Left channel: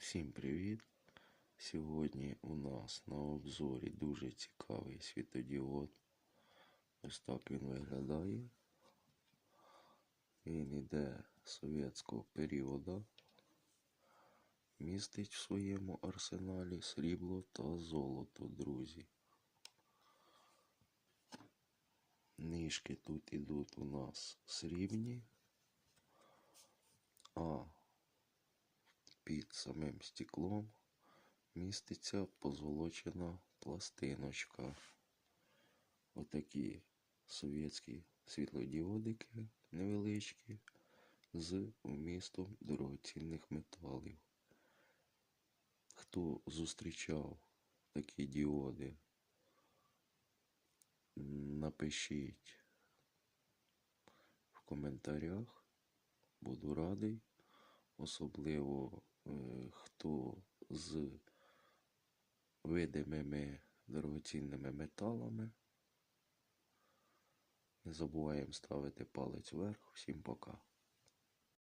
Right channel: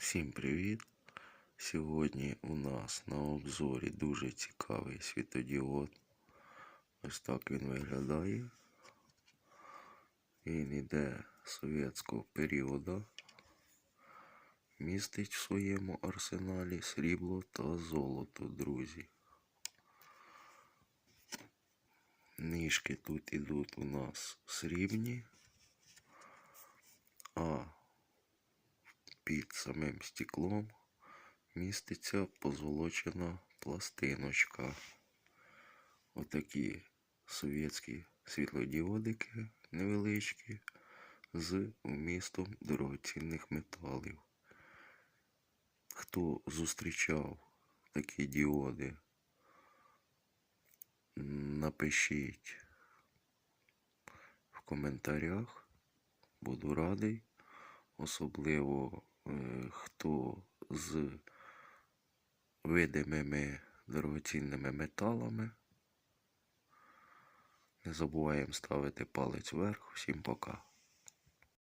Всім привіт! Сьогодні у нас на обзорі дуже цікавий світодіод. Ось так він виглядає. Він іде совєтського періоду. Містить в своєму арсеналі срібло та золото, друзі. Ніжки тут ідуть у нас срібні, під самим стеклом міститься позолочена пластиночка. Отакі совєтські світлодіодики невеличкі з вмістом дорогоцінних металів. Хто зустрічав такі діоди, напишіть в коментарях. Буду радий особливо е, хто з видимими дорогоцінними металами. Не забуваємо ставити палець вверх. Всім пока.